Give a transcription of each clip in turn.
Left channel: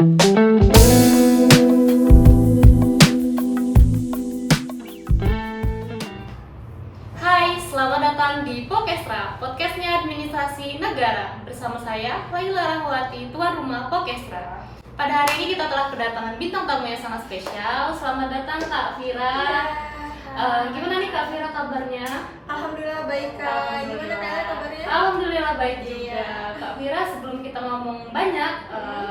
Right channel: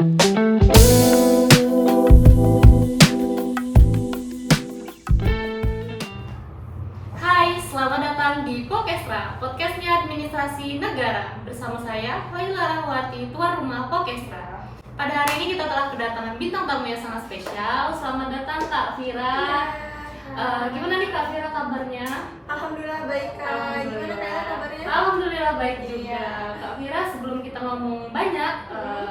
Hai, selamat datang di Pokestra, podcastnya Administrasi Negara. Bersama saya, Laila Rahwati, tuan rumah Pokestra. Pada hari ini kita telah kedatangan bintang tamu yang sangat spesial. Selamat datang Kak Vira. Gimana nih Kak Vira kabarnya? Alhamdulillah baik Kak. Gimana Kak kabarnya? Alhamdulillah baik juga. Iya. Kak Vira, sebelum kita ngomong banyak,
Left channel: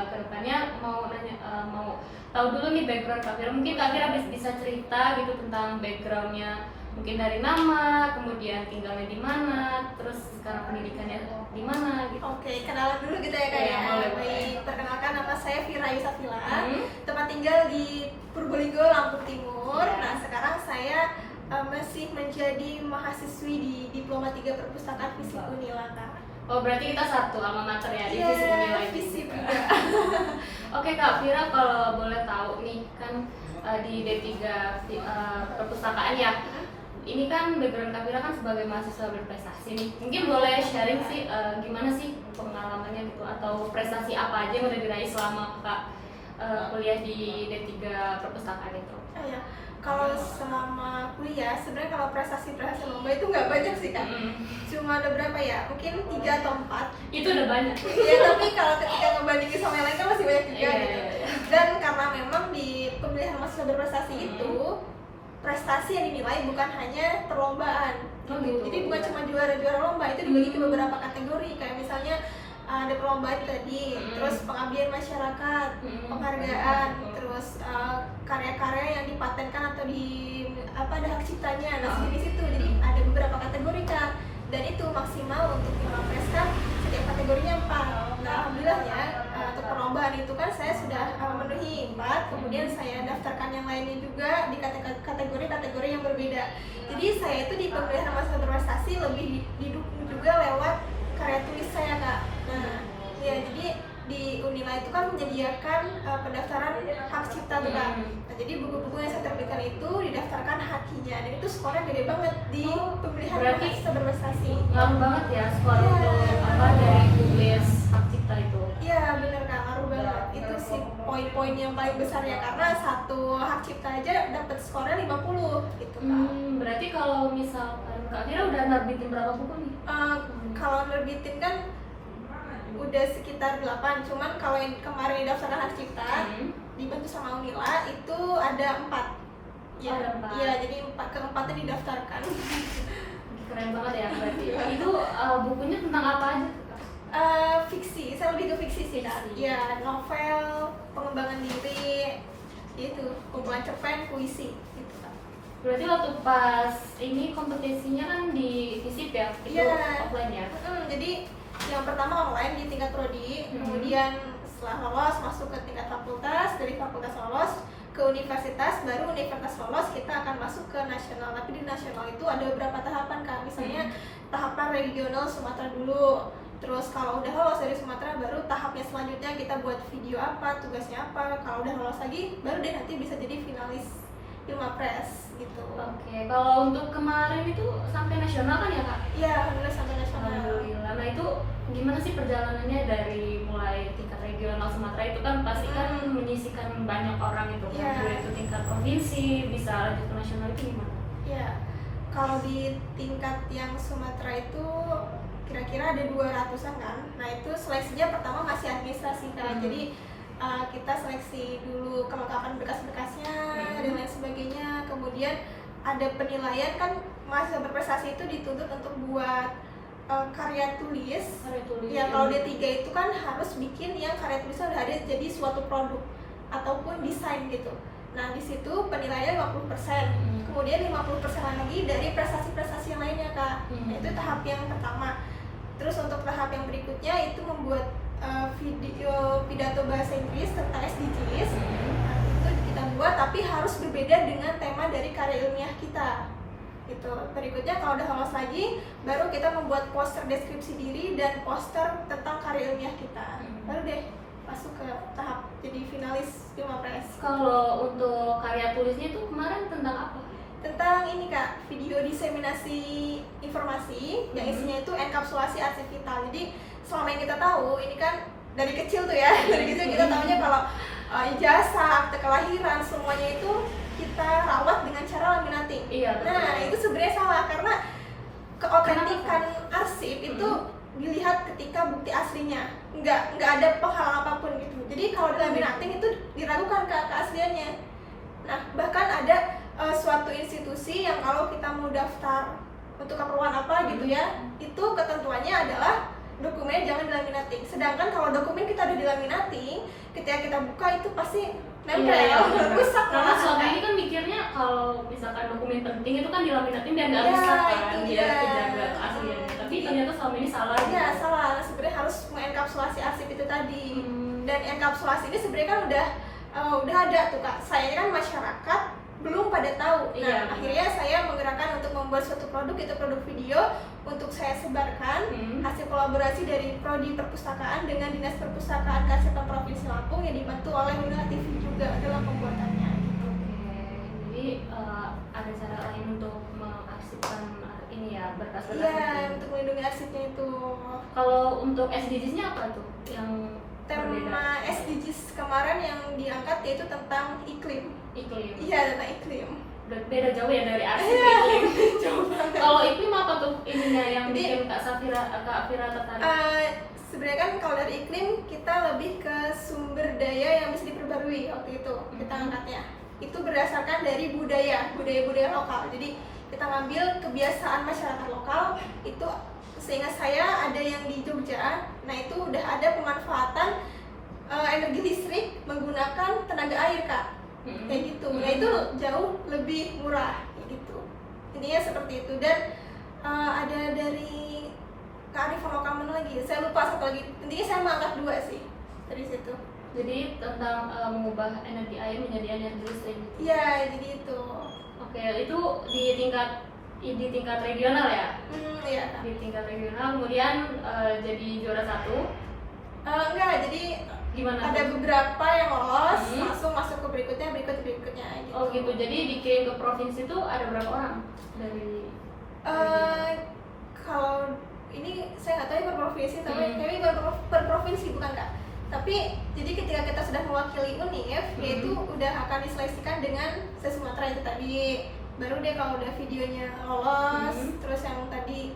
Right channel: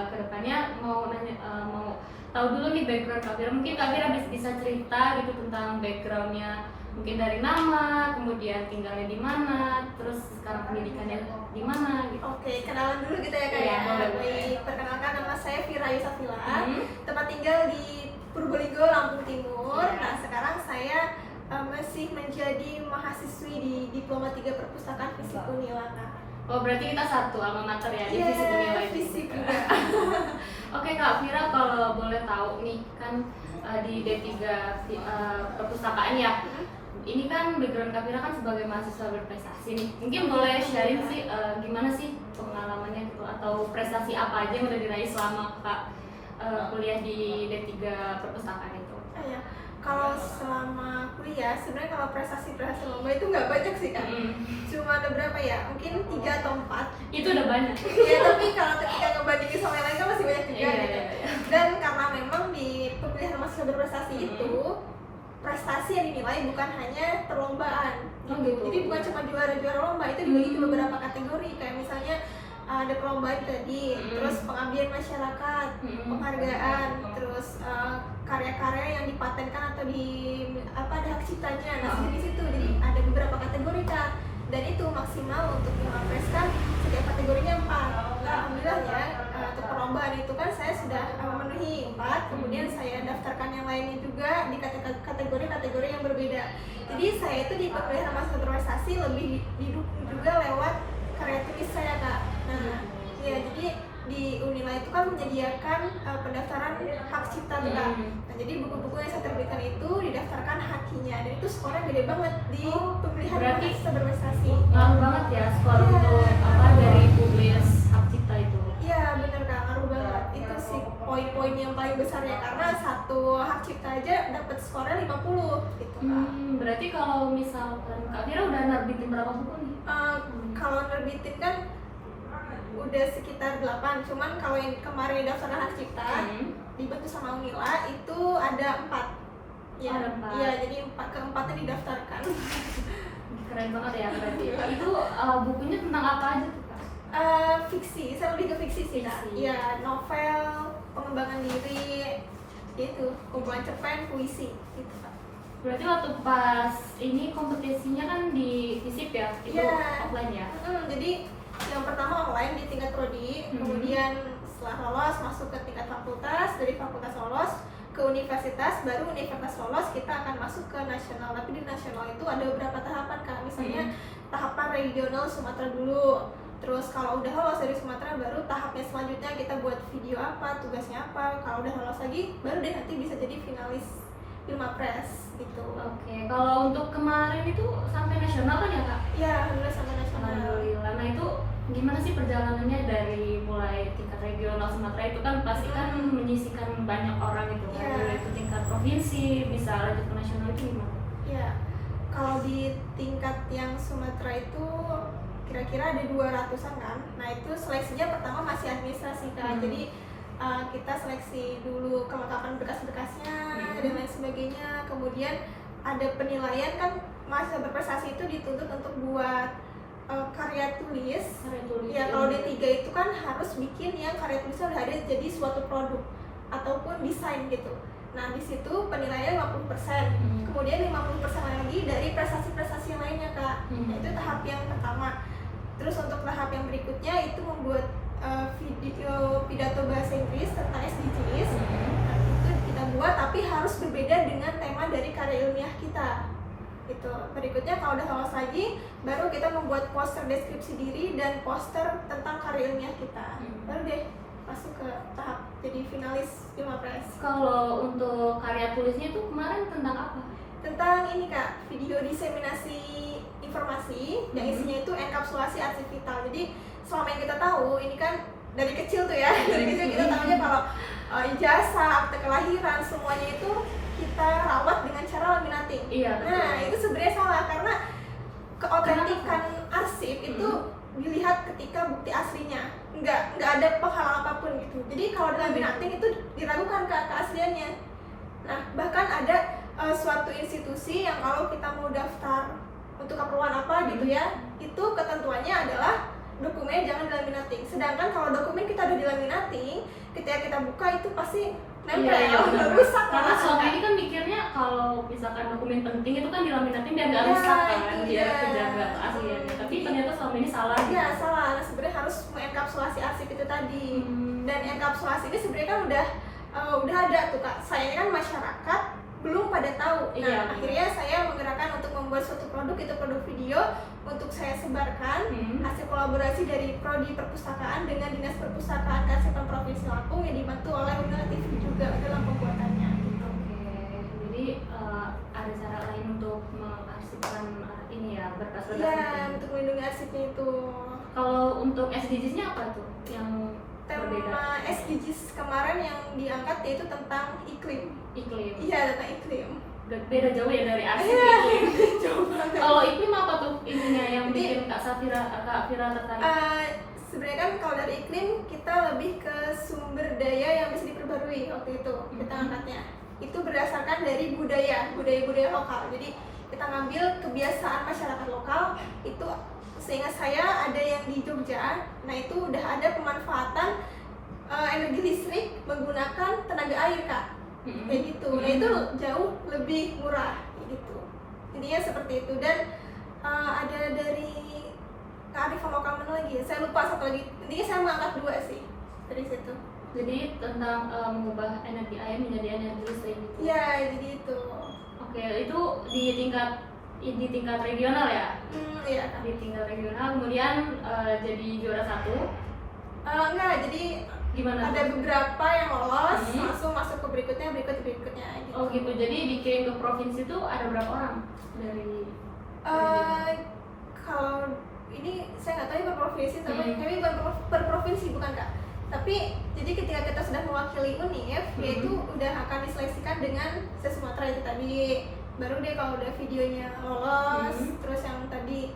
kedepannya mau nanya, mau tahu dulu nih background Kak Vira. Mungkin Kak Vira bisa cerita gitu tentang backgroundnya, mungkin dari nama, kemudian tinggalnya di mana, terus sekarang pendidikannya di mana gitu. Oke, kenalan dulu gitu ya Kak Iya, ya. boleh. Baik, perkenalkan nama saya Vira Yusafila. Tempat tinggal di Purbolinggo, Lampung Timur. Iya. Nah, sekarang saya masih menjadi mahasiswi di Diploma 3 Perpustakaan Fisip Unila Kak. Oh, berarti kita satu alma mater ya di Iya, Fisip Unila ini. Fisip juga. Oke Kak Vira, kalau boleh tahu nih kan di D3 perpustakaan ya. Ini kan background Kak Vira kan sebagai mahasiswa berprestasi nih. Mungkin boleh sharing sih gimana sih pengalamannya gitu, atau prestasi apa aja yang udah diraih selama Kak kuliah di D3 perpustakaan itu. Ya, kalau selama kuliah sebenarnya kalau prestasi lomba itu nggak banyak sih Kak. Cuma ada berapa ya? Mungkin 3 atau 4. Itu udah banyak. Iya, tapi kalau ketika ngebandingin sama yang lain kan masih banyak juga Iya, gitu. iya. Dan karena memang di pemilihan mahasiswa berprestasi itu prestasi yang dinilai bukan hanya perlombaan Oh, gitu. gitu. Jadi bukan cuma juara-juara lomba, itu dibagi ke beberapa kategori, kayak misalnya ada perlombaan tadi, terus pengabdian masyarakat, penghargaan, terus karya-karya yang dipatenkan atau ada hak ciptanya. Nah, di situ jadi ada beberapa kategori Kak. Dan itu maksimal untuk Pilpres kan setiap kategorinya 4. Nah, alhamdulillah ya untuk perlombaan itu kan saya sudah memenuhi 4. Kemudian saya daftarkan yang lainnya juga di kategori-kategori yang berbeda. Jadi saya itu di pemilihan mahasiswa berprestasi lebih didukung juga lewat karya tulis saya Kak. Nah, ya jadi di Unila itu kan menyediakan pendaftaran hak cipta tuh Kak. Nah, jadi buku-buku yang saya terbitkan itu didaftarkan hakinya, dan itu skornya gede banget di pemilihan berarti mahasiswa berprestasi. Ngaruh banget ya skor untuk dari publis hak cipta itu. Iya bener Kak, ngaruh banget. Itu sih poin-poin yang paling besar ya, karena satu hak cipta aja dapat skornya 50 gitu Kak. Berarti kalau misalkan Kak Vira udah nerbitin berapa buku nih? Kalau nerbitin kan udah sekitar 8, cuman kalau yang kemarin didaftarkan hak cipta dibantu sama Unila itu ada 4. Ya, Ada 4. Iya, jadi keempatnya didaftarkan. Keren banget ya berarti. Itu bukunya tentang apa aja tuh Kak? Fiksi, saya lebih ke fiksi sih Kak. Fiksi. Iya, novel, pengembangan diri, itu kumpulan cerpen, puisi gitu Kak. Berarti waktu pas ini kompetisinya kan di FISIP ya? Itu Iya. offline ya? Jadi yang pertama online di tingkat prodi, kemudian setelah lolos masuk ke tingkat fakultas, dari fakultas lolos ke universitas, baru universitas lolos kita akan masuk ke nasional. Tapi di nasional itu ada beberapa tahapan Kak, misalnya tahapan regional Sumatera dulu. Terus kalau udah lolos dari Sumatera, baru tahapnya selanjutnya kita buat video apa, tugasnya apa. Kalau udah lolos lagi, baru deh nanti bisa jadi finalis Pilmapres gitu. Oke, kalau untuk kemarin itu sampai nasional kan ya Kak? Iya, alhamdulillah sampai nasional. Alhamdulillah. Nah itu gimana sih perjalanannya dari mulai tingkat regional Sumatera itu kan pasti kan menyisikan banyak orang itu kan, Iya. dari itu tingkat provinsi bisa lanjut ke nasional itu gimana? Ya, kalau di tingkat yang Sumatera itu kira-kira ada 200-an kan. Nah itu seleksinya pertama masih administrasi Kak. Jadi kita seleksi dulu kelengkapan berkas-berkasnya dan lain sebagainya. Kemudian ada penilaian kan, mahasiswa berprestasi itu dituntut untuk buat karya tulis. Ya kalau D3 itu kan harus bikin yang karya tulisnya udah ada jadi suatu produk ataupun desain gitu. Nah di situ penilaiannya 50%. Kemudian 50% lagi dari prestasi-prestasi yang lainnya Kak. Nah itu tahap yang pertama. Terus untuk tahap yang berikutnya itu membuat video pidato bahasa Inggris tentang SDGs. Nah, itu kita buat tapi harus berbeda dengan tema dari karya ilmiah kita. Gitu. Berikutnya kalau udah lolos lagi, baru kita membuat poster deskripsi diri dan poster tentang karya ilmiah kita. Baru deh masuk ke tahap jadi finalis Pilmapres. Kalau untuk karya tulisnya itu kemarin tentang apa? Tentang ini Kak, video diseminasi informasi yang isinya itu enkapsulasi arti vital. Jadi selama yang kita tahu ini kan dari kecil tuh ya, dari kecil kita tahunya kalau ijazah, akte kelahiran, semuanya itu kita rawat dengan cara laminating. Iya, betul. Nah itu sebenarnya salah karena keotentikan arsip itu dilihat ketika bukti aslinya, nggak ada penghalang apapun gitu. Jadi kalau dilaminating itu diragukan keasliannya. Nah bahkan ada suatu institusi yang kalau kita mau daftar untuk keperluan apa gitu ya, itu ketentuannya adalah dokumen jangan dilaminating. Sedangkan kalau dokumen kita udah dilaminating, ketika kita buka itu pasti nempel, rusak. Karena selama ini kan mikirnya kalau misalkan dokumen penting itu kan dilaminating biar nggak rusak kan, biar kejaga keasliannya. Tapi ternyata selama ini salah. Iya salah. Sebenarnya harus mengenkapsulasi arsip itu tadi. Dan enkapsulasi ini sebenarnya kan udah ada tuh Kak. Sayangnya kan masyarakat belum pada tahu. Nah, akhirnya saya menggerakkan untuk membuat suatu produk, itu produk video untuk saya sebarkan hasil kolaborasi dari Prodi Perpustakaan dengan Dinas Perpustakaan Kearsipan Provinsi Lampung yang dibantu oleh Unila TV juga dalam pembuatannya. Jadi ada cara lain untuk mengarsipkan ini ya, berkas-berkas. Iya, untuk melindungi arsipnya itu. Kalau untuk SDGs-nya apa tuh yang tema SDGs kemarin yang diangkat yaitu tentang iklim. Iya, tentang iklim. Beda jauh ya dari arsip iklim. Kalau iklim apa tuh ininya yang bikin Kak Fira tertarik? Sebenarnya kan kalau dari iklim kita lebih ke sumber daya yang bisa diperbarui waktu itu kita angkatnya. Itu berdasarkan dari budaya lokal. Jadi kita ngambil kebiasaan masyarakat lokal itu. Seingat saya ada yang di Jogja, nah itu udah ada pemanfaatan energi listrik menggunakan tenaga air Kak, kayak gitu. Nah itu jauh lebih murah, kayak gitu. Intinya seperti itu. Dan ada dari kearifan lokal mana lagi? Saya lupa satu lagi. Intinya saya mengangkat 2 sih dari situ. Jadi tentang mengubah energi air menjadi energi listrik. Iya, jadi itu. Oke, itu di tingkat regional ya? Iya. Di tingkat regional, kemudian jadi juara 1? Enggak, jadi gimana? Ada beberapa yang lolos, langsung masuk ke berikutnya gitu. Oh gitu, jadi dikirim ke provinsi itu ada berapa orang dari? Kalau ini saya nggak tahu ya per provinsi, tapi kami bukan per provinsi bukan Kak. Tapi jadi ketika kita sudah mewakili UNIF, yaitu udah akan diseleksikan dengan se-Sumatera itu tadi. Baru deh kalau udah videonya lolos, terus yang tadi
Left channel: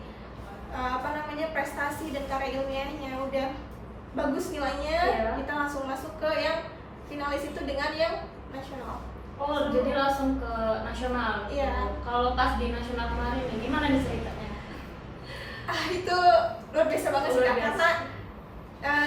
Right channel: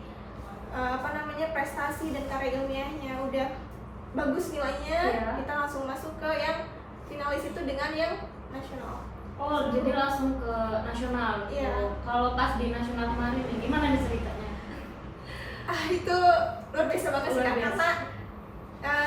prestasi dan karya ilmiahnya udah bagus nilainya, kita langsung masuk ke yang finalis itu dengan yang nasional. Oh, jadi langsung ke nasional gitu. Kalau pas di nasional kemarin nih, gimana nih ceritanya? Itu luar biasa banget sih Kak, karena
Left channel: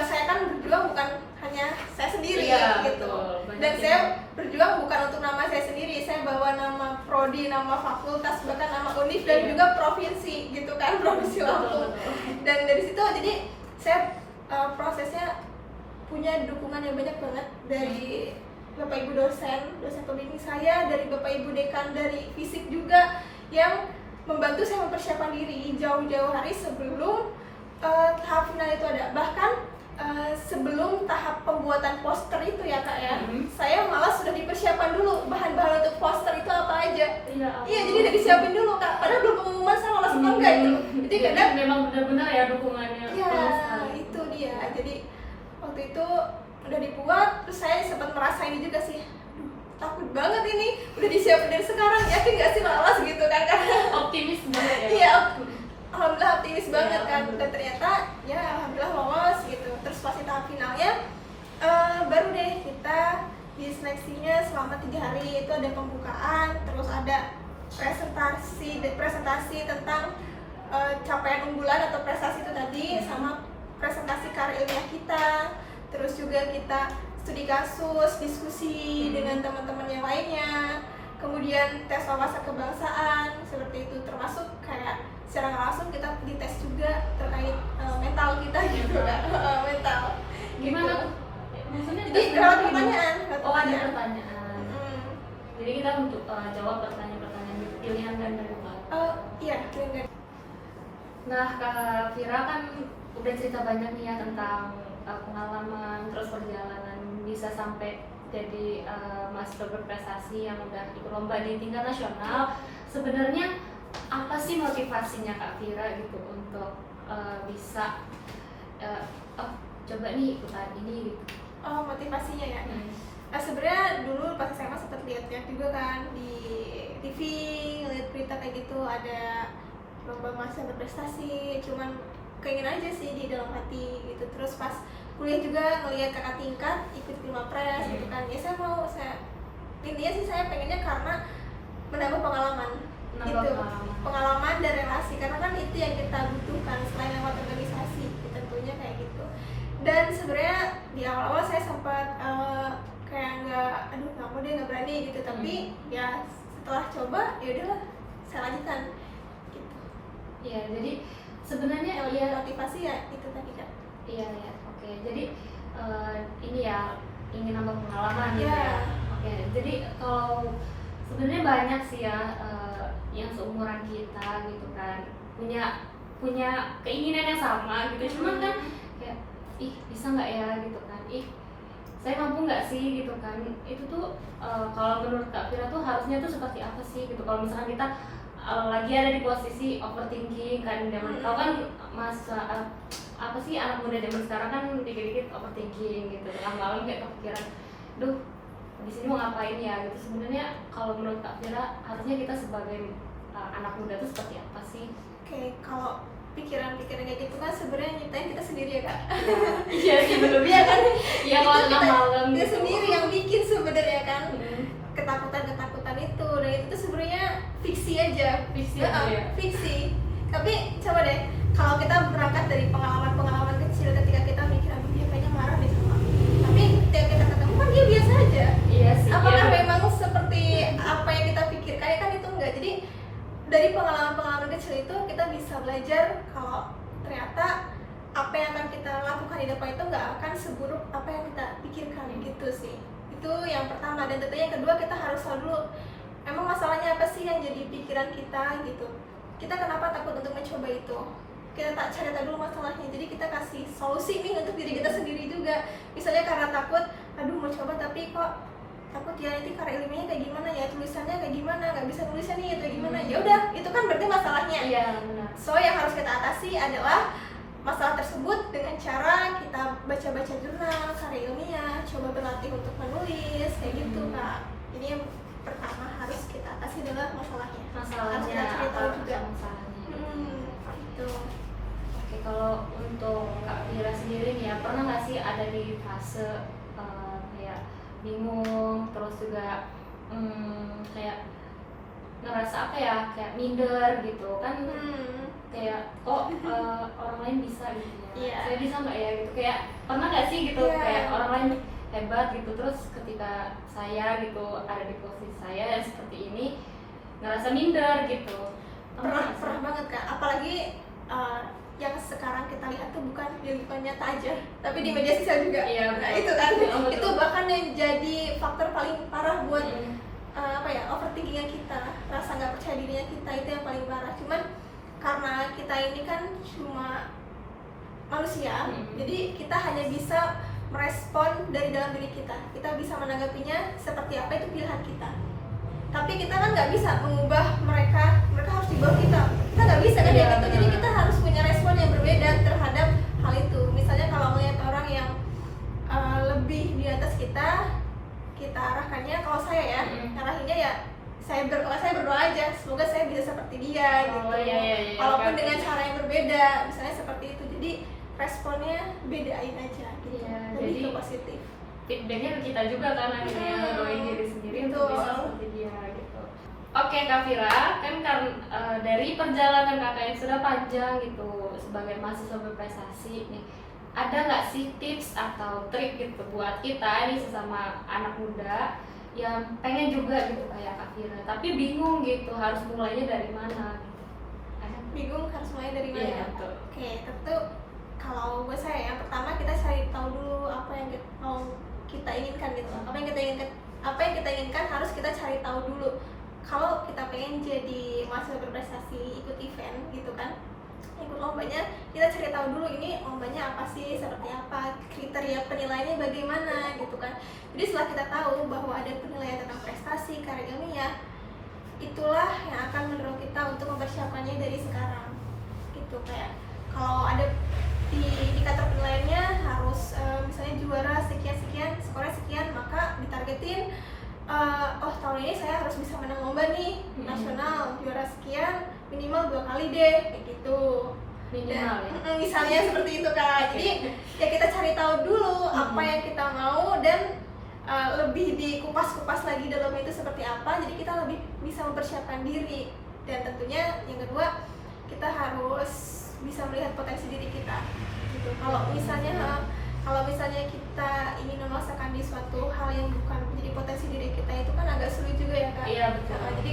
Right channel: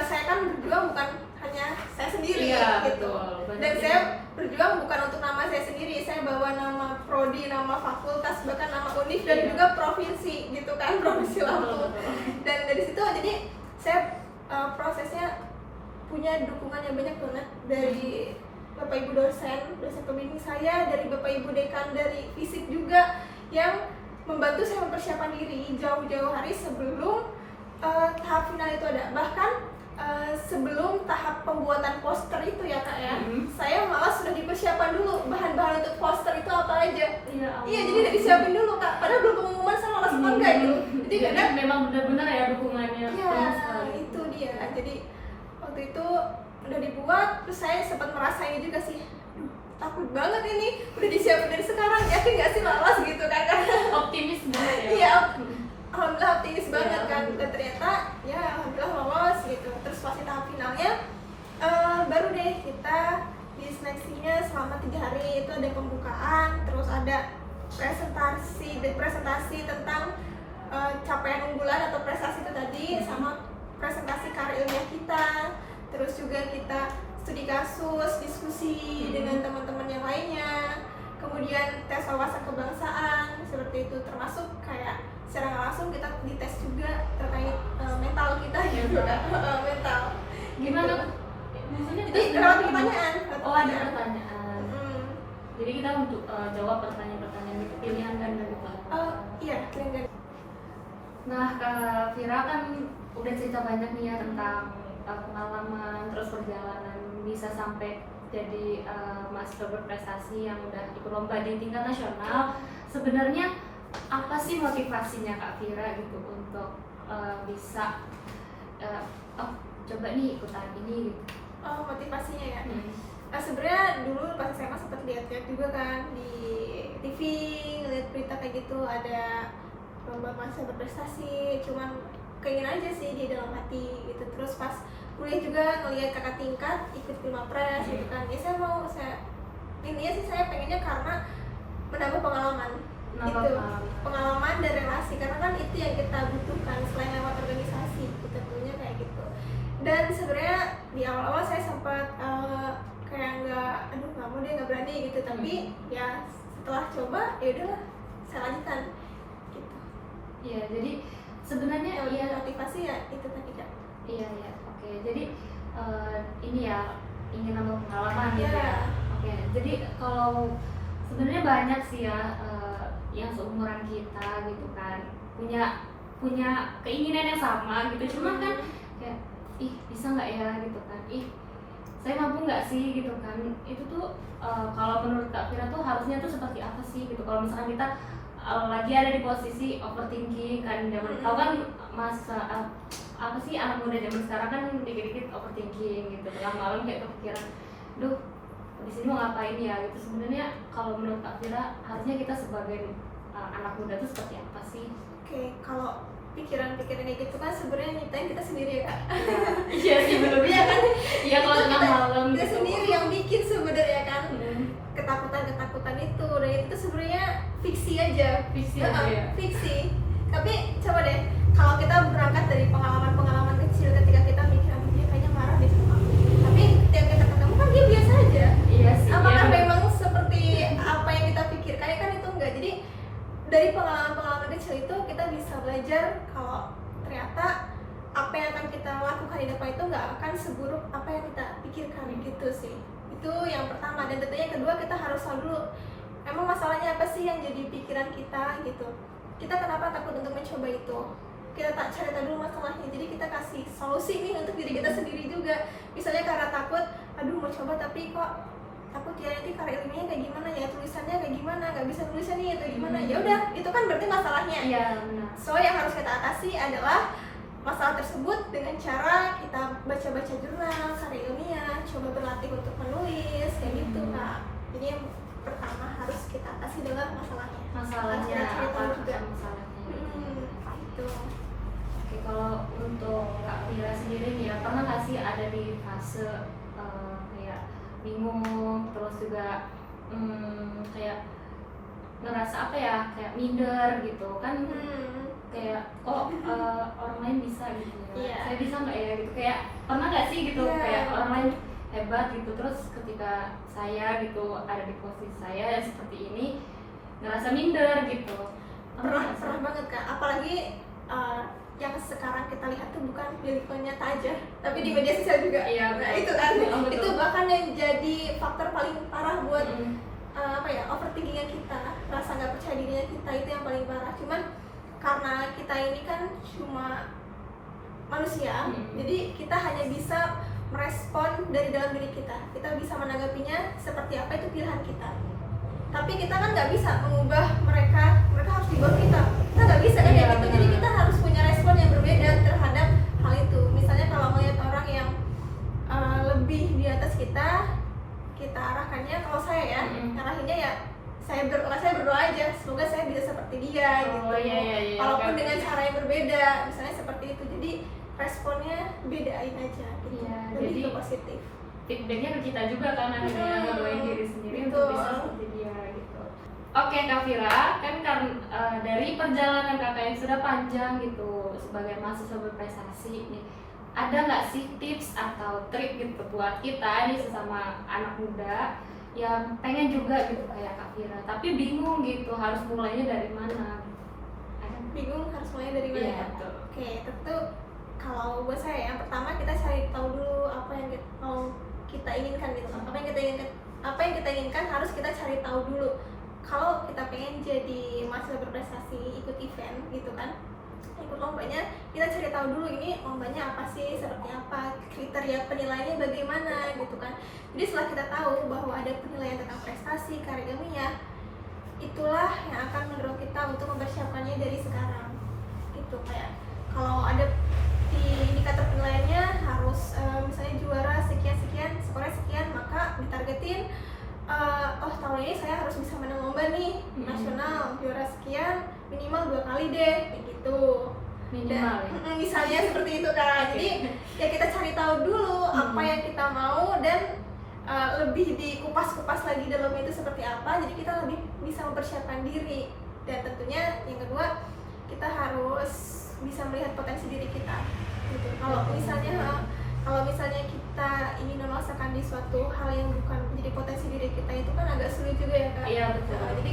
saya kan berjuang bukan hanya saya sendiri gitu. Dan saya berjuang bukan untuk nama saya sendiri, saya bawa nama prodi, nama fakultas, bahkan nama univ dan juga provinsi gitu kan, provinsi Lampung. Dan dari situ jadi saya prosesnya punya dukungan yang banyak banget dari Bapak Ibu dosen pembimbing saya, dari Bapak Ibu dekan dari fisik juga yang membantu saya mempersiapkan diri jauh-jauh hari sebelum tahap final itu ada. Bahkan sebelum tahap pembuatan poster itu ya Kak ya, saya malah sudah dipersiapkan dulu bahan-bahan untuk poster itu apa aja. Iya, jadi udah disiapin dulu Kak, padahal belum pengumuman sama lolos atau enggak itu. Jadi kadang memang benar-benar ya dukungannya. Iya, itu dia. Jadi waktu itu udah dibuat, terus saya sempat merasa ini juga sih, takut banget ini, udah disiapin dari sekarang, yakin gak sih lolos gitu kan? Optimis banget ya? Iya, alhamdulillah optimis banget kan, dan ternyata ya alhamdulillah lolos gitu. Terus pas di tahap finalnya baru deh kita di seleksinya selama 3 hari itu ada pembukaan, terus ada presentasi tentang capaian unggulan atau prestasi itu tadi, sama presentasi karya ilmiah kita. Terus juga kita studi kasus, diskusi dengan teman-teman yang lainnya, kemudian tes wawasan kebangsaan seperti itu, termasuk kayak secara nggak langsung kita dites juga terkait mental kita gitu kan. Mental gimana gitu. Maksudnya jadi lewat pertanyaan. Ada pertanyaan. Jadi kita untuk jawab pertanyaan-pertanyaan gitu, pilihan ganda gitu. Iya, pilihan ganda. Nah, Kak Fira kan udah cerita banyak nih ya tentang pengalaman, terus perjalanan bisa sampai jadi mahasiswa berprestasi yang udah ikut lomba di tingkat nasional. Sebenarnya apa sih motivasinya Kak Fira gitu untuk bisa coba nih ikutan ini gitu? Motivasinya ya. Sebenarnya dulu pas SMA sempat lihat-lihat juga kan di TV, ngeliat berita kayak gitu ada lomba mahasiswa berprestasi, cuman keinginan aja sih di dalam hati gitu. Terus pas kuliah juga ngelihat kakak tingkat ikut Filmapres gitu kan, ya intinya sih saya pengennya karena menambah pengalaman Menambah gitu, pengalaman. dan relasi, karena kan itu yang kita butuhkan selain lewat organisasi tentunya kayak gitu. Dan sebenarnya di awal-awal saya sempat kayak nggak mau deh, nggak berani gitu, tapi ya setelah coba ya udahlah saya lanjutkan gitu. Iya, jadi sebenarnya Yang lebih motivasi ya itu tadi Kak. Iya ya, oke. Jadi ini ya ingin nambah pengalaman gitu Iya. ya. Oke, jadi kalau sebenarnya banyak sih ya yang seumuran kita gitu kan punya keinginan yang sama gitu. Cuman kan kayak bisa nggak ya gitu kan, saya mampu nggak sih gitu kan. Itu tuh kalau menurut Kak Fira tuh harusnya tuh seperti apa sih gitu kalau misalkan kita lagi ada di posisi overthinking kan, zaman tahu kan masa apa sih anak muda zaman sekarang kan dikit-dikit overthinking gitu, tengah malam kayak kepikiran, duh di sini mau ngapain ya gitu. Sebenarnya kalau menurut Kak Fira harusnya kita sebagai anak muda tuh seperti apa sih? Oke, kalau pikiran-pikiran kayak gitu kan sebenarnya nyiptain kita sendiri ya Kak. Iya sih bener. Iya kan? Iya kalau tengah malam kita gitu. sendiri yang bikin sebenarnya kan. Ketakutan itu, dan itu tuh sebenarnya fiksi aja. Fiksi aja ya? Fiksi. Tapi coba deh, kalau kita berangkat dari pengalaman-pengalaman kecil ketika kita mikir, aduh dia kayaknya marah deh sama aku, tapi ketika kita ketemu kan dia biasa aja. Iya sih. Apakah iya, memang seperti apa yang kita pikirkan? Ya kan itu enggak. Jadi dari pengalaman-pengalaman kecil itu kita bisa belajar kalau ternyata apa yang akan kita lakukan di depan itu nggak akan seburuk apa yang kita pikirkan gitu sih. Itu yang pertama. Dan tentunya yang kedua, kita harus tahu dulu emang masalahnya apa sih yang jadi pikiran kita gitu. Kita kenapa takut untuk mencoba itu, kita tak cari tahu dulu masalahnya, jadi kita kasih solusi nih untuk diri kita sendiri juga. Misalnya karena takut, aduh mau coba tapi kok takut ya nanti karya ilmiahnya kayak gimana ya, tulisannya kayak gimana, nggak bisa nulisnya nih atau gimana. Ya udah, itu kan berarti masalahnya. Iya benar. So yang harus kita atasi adalah masalah tersebut dengan cara kita baca-baca jurnal, karya ilmiah, coba berlatih untuk menulis kayak gitu Kak. Jadi yang pertama harus kita atasi adalah masalahnya. Harus kita cari tahu juga. Masalahnya. Gitu. Oke, kalau untuk Kak Fira sendiri nih ya, pernah nggak sih ada di fase kayak bingung, terus juga kayak ngerasa apa ya, kayak minder gitu kan, kayak orang lain bisa gitu ya, Iya. saya bisa nggak ya gitu, kayak pernah nggak sih gitu, Iya. kayak orang lain hebat gitu, terus ketika saya gitu ada di posisi saya yang seperti ini ngerasa minder gitu. Pernah banget Kak, apalagi yang sekarang kita lihat tuh bukan di lingkungan nyata aja, tapi di media sosial juga. Iya, Nah betul. itu kan, Betul. itu bahkan yang jadi faktor paling parah buat Mm-mm. overthinkingnya kita, rasa nggak percaya dirinya kita, itu yang paling parah. Cuman karena kita ini kan cuma manusia, jadi kita hanya bisa merespon dari dalam diri kita bisa menanggapinya seperti apa, itu pilihan kita. Tapi kita kan nggak bisa mengubah mereka harus di bawah kita nggak bisa kan. Iya, ya gitu. Jadi benar. kita harus punya respon yang berbeda terhadap hal itu. Misalnya kalau melihat orang yang lebih di atas kita arahkannya, kalau saya ya arahinnya ya saya berdoa aja, semoga saya bisa seperti dia gitu. Iya, Walaupun oke. dengan cara yang berbeda, misalnya seperti itu. Jadi responnya bedain aja gitu. Iya, Lebih jadi ke positif. Feedbacknya ke kita juga kan, akhirnya ngedoain diri sendiri untuk bisa seperti dia gitu. Oke Kak Fira, kan dari perjalanan kakak yang sudah panjang gitu sebagai mahasiswa berprestasi nih, ada nggak sih tips atau trik gitu buat kita nih sesama anak muda yang pengen juga gitu kayak Kak Fira, tapi bingung gitu harus mulainya dari mana gitu. Ada nggak? Bingung harus mulai dari mana? Iya, betul. Oke, tentu kalau buat saya yang pertama kita cari tahu dulu apa yang mau kita inginkan gitu. Apa yang kita inginkan harus kita cari tahu dulu. Kalau kita pengen jadi mahasiswa berprestasi, ikut event gitu kan, ikut lombanya, kita cari tahu dulu ini lombanya apa sih, seperti apa, kriteria penilaiannya bagaimana gitu kan. Jadi setelah kita tahu bahwa ada penilaian tentang prestasi, karya ilmiah, itulah yang akan mendorong kita untuk mempersiapkannya dari sekarang gitu. Kayak kalau ada di indikator penilaiannya harus misalnya juara sekian, skornya sekian, maka ditarget targetin oh tahun ini saya harus bisa menang lomba nih nasional, juara sekian minimal 2 kali deh kayak gitu. Minimal ya? Misalnya seperti itu Kak. Jadi ya kita cari tahu dulu apa yang kita mau dan lebih dikupas-kupas lagi dalam itu seperti apa, jadi kita lebih bisa mempersiapkan diri. Dan tentunya yang kedua, kita harus bisa melihat potensi diri kita gitu. Kalau misalnya kita ingin memaksakan di suatu hal yang bukan menjadi potensi diri kita, itu kan agak sulit juga ya Kak. Iya betul. Jadi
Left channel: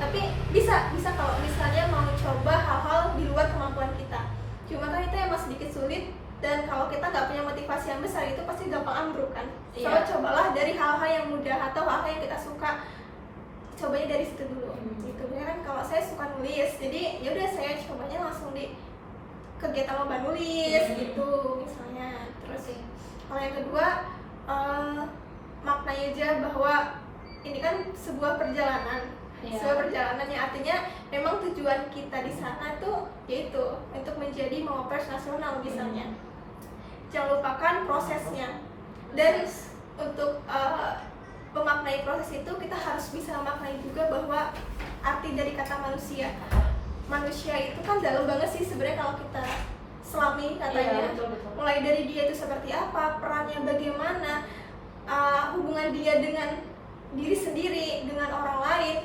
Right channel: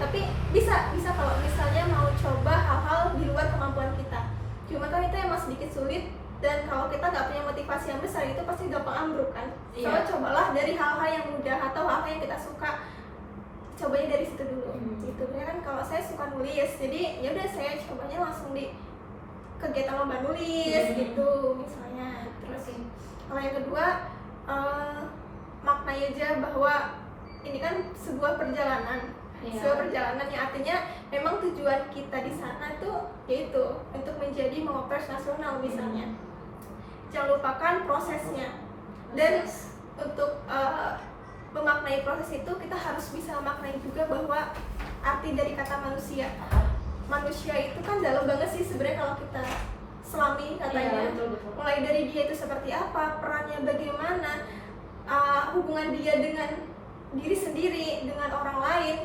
tapi bisa kalau misalnya mau coba hal-hal di luar kemampuan kita. Cuma kan itu emang sedikit sulit, dan kalau kita nggak punya motivasi yang besar itu pasti gampang ambruk kan. So cobalah dari hal-hal yang mudah atau hal-hal yang kita suka, cobanya dari situ dulu. Gitu kan kalau saya suka nulis, jadi ya udah saya cobanya langsung di kegiatan lomba nulis gitu misalnya. Terus kalau yang kedua maknai aja bahwa ini kan sebuah perjalanan. Sebuah perjalanan yang artinya memang tujuan kita di sana tuh yaitu untuk menjadi mawapres nasional misalnya. Jangan lupakan prosesnya. Dan untuk memaknai proses itu kita harus bisa memaknai juga bahwa arti dari kata manusia. Manusia itu kan dalam banget sih sebenarnya kalau kita selami katanya. Betul. Mulai dari dia itu seperti apa, perannya bagaimana, hubungan dia dengan diri sendiri, dengan orang lain,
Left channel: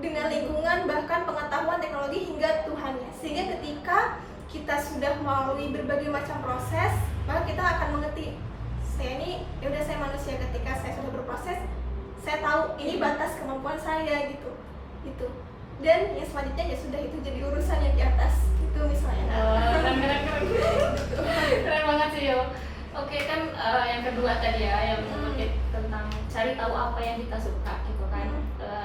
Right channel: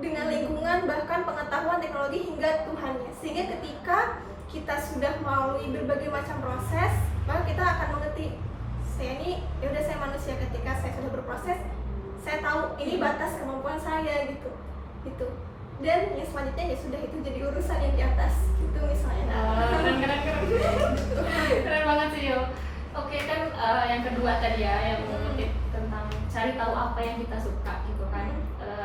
dengan lingkungan, bahkan pengetahuan, teknologi hingga Tuhannya. Sehingga ketika kita sudah melalui berbagai macam proses, maka kita akan mengerti saya ini ya udah saya manusia. Ketika saya sudah berproses, saya tahu ini batas kemampuan saya gitu. Dan yang selanjutnya ya sudah, itu jadi urusan yang di atas itu misalnya. Keren banget sih yo. Oke kan yang kedua tadi ya, yang tentang cari tahu apa yang kita suka gitu kan.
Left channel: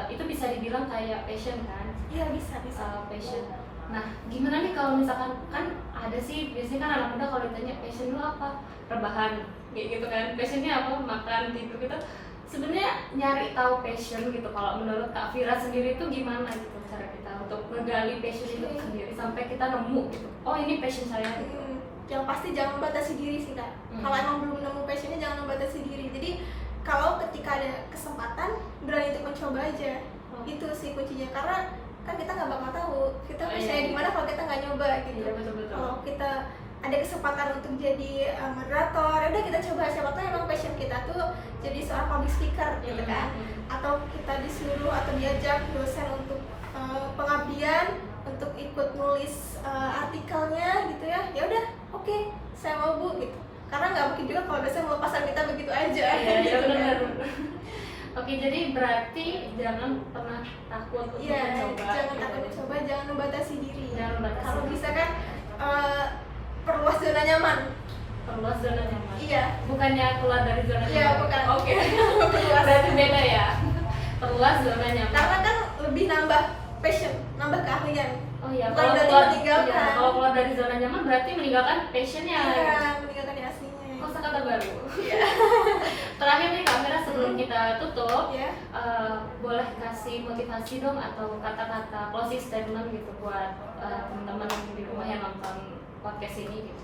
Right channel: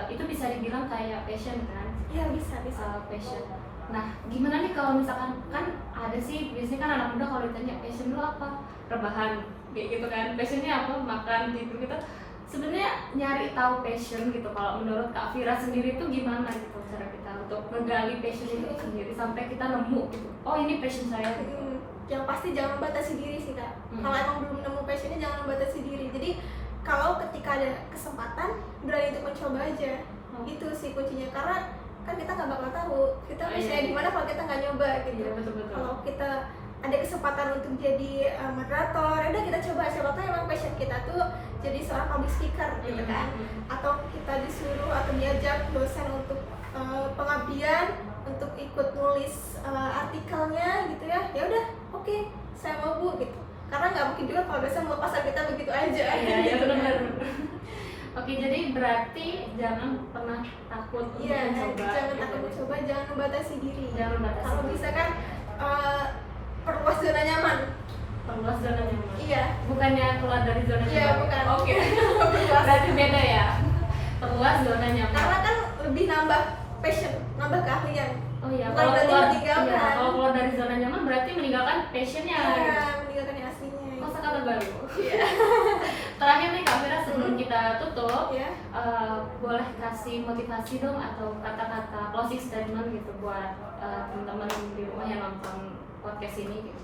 Itu bisa dibilang kayak passion kan? Iya bisa. Passion. Nah gimana nih kalau misalkan kan ada sih biasanya kan anak muda kalau ditanya passion lu apa? Rebahan kayak gitu kan. Passionnya apa? Makan, tidur gitu. Sebenarnya nyari tahu passion gitu, kalau menurut Kak Vira sendiri tuh gimana gitu cara kita untuk menggali passion itu sendiri sampai kita nemu gitu, oh ini passion saya gitu. Yang pasti jangan membatasi diri sih Kak. Kalau emang belum nemu passionnya jangan membatasi diri. Jadi kalau ketika ada kesempatan berani untuk mencoba aja. Itu sih kuncinya, karena kan kita nggak bakal tahu kita passionnya di mana kalau kita nggak nyoba gitu. Betul. Kalau kita ada kesempatan untuk jadi moderator, ya udah kita coba, siapa tahu emang passion kita tuh jadi seorang public speaker gitu kan. Atau kita disuruh atau diajak dosen untuk pengabdian, untuk ikut nulis artikelnya gitu ya. Ya udah, oke, saya mau Bu gitu. Karena nggak mungkin juga kalau dosen melepaskan kita begitu aja. Iya benar. Oke, jadi berarti jangan pernah takut untuk mencoba. Jangan takut mencoba, jangan membatasi diri. Kalau diri. bisa kan perluas zona nyaman. Perluas zona nyaman. Iya. Bukannya keluar dari zona nyaman. Iya, bukan. Oke. Berarti beda ya. Perluas zona nyaman. Karena kan lebih nambah passion, nambah keahlian. Oh iya, Bukan berarti meninggalkan. Iya, kalau keluar dari zona nyaman berarti meninggalkan passionnya. Iya, meninggalkan yang aslinya. Kosakata baru. Iya. Terakhir nih Kak Vira, sebelum kita tutup, Iya. boleh kasih motivasi dong atau kata-kata closing statement gitu buat teman-teman di rumah yang nonton podcast ini gitu.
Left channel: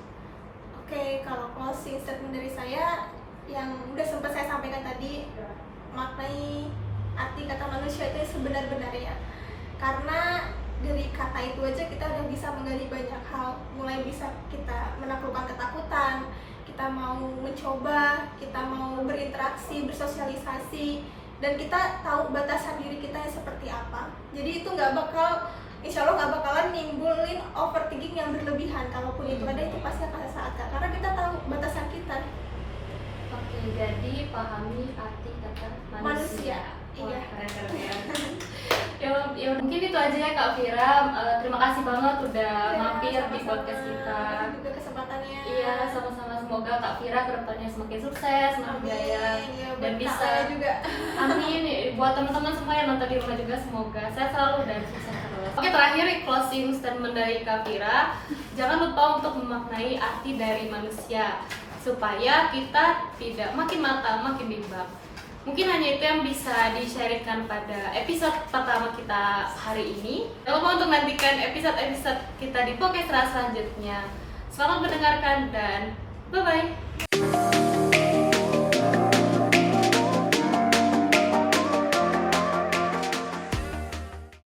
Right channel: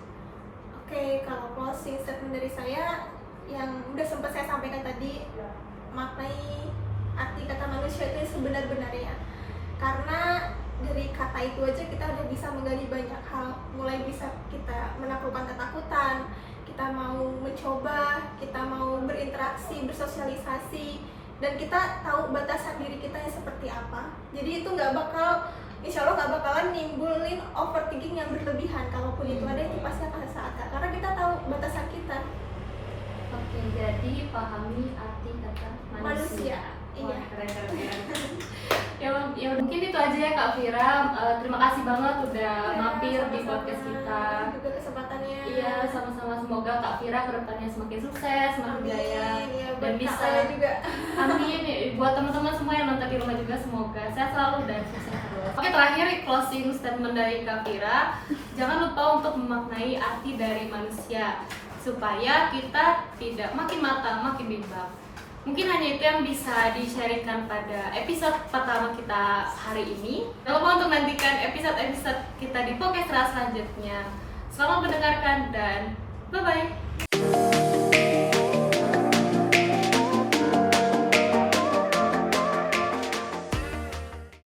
Oke, kalau closing statement dari saya yang udah sempat saya sampaikan tadi, maknai arti kata manusia itu sebenar-benarnya. Karena dari kata itu aja kita udah bisa menggali banyak hal, mulai bisa kita menaklukkan ketakutan, kita mau mencoba, kita mau berinteraksi, bersosialisasi, dan kita tahu batasan diri kita yang seperti apa. Jadi itu insya Allah nggak bakalan nimbulin overthinking yang berlebihan. Kalaupun itu ada, itu pasti akan sesaat Kak, karena kita tahu batasan kita. Oke, jadi pahami arti kata manusia. Wah, Iya. keren. Ya mungkin itu aja ya Kak Vira. Terima kasih banget udah mampir di podcast kita. Juga kesempatannya. Iya, sama-sama. Semoga Kak Vira kedepannya semakin sukses, semakin jaya, Ya, dan bisa. juga. Amin. Buat teman-teman semua yang nonton di rumah juga, semoga sehat selalu dan sukses terus. Oke, terakhir closing statement dari Kak Vira. Jangan lupa untuk memaknai arti dari manusia supaya kita tidak makin matang, makin bimbang. Mungkin hanya itu yang bisa di-sharingkan pada episode pertama kita hari ini. Jangan lupa untuk nantikan episode-episode kita di podcast selanjutnya. Selamat mendengarkan dan bye-bye.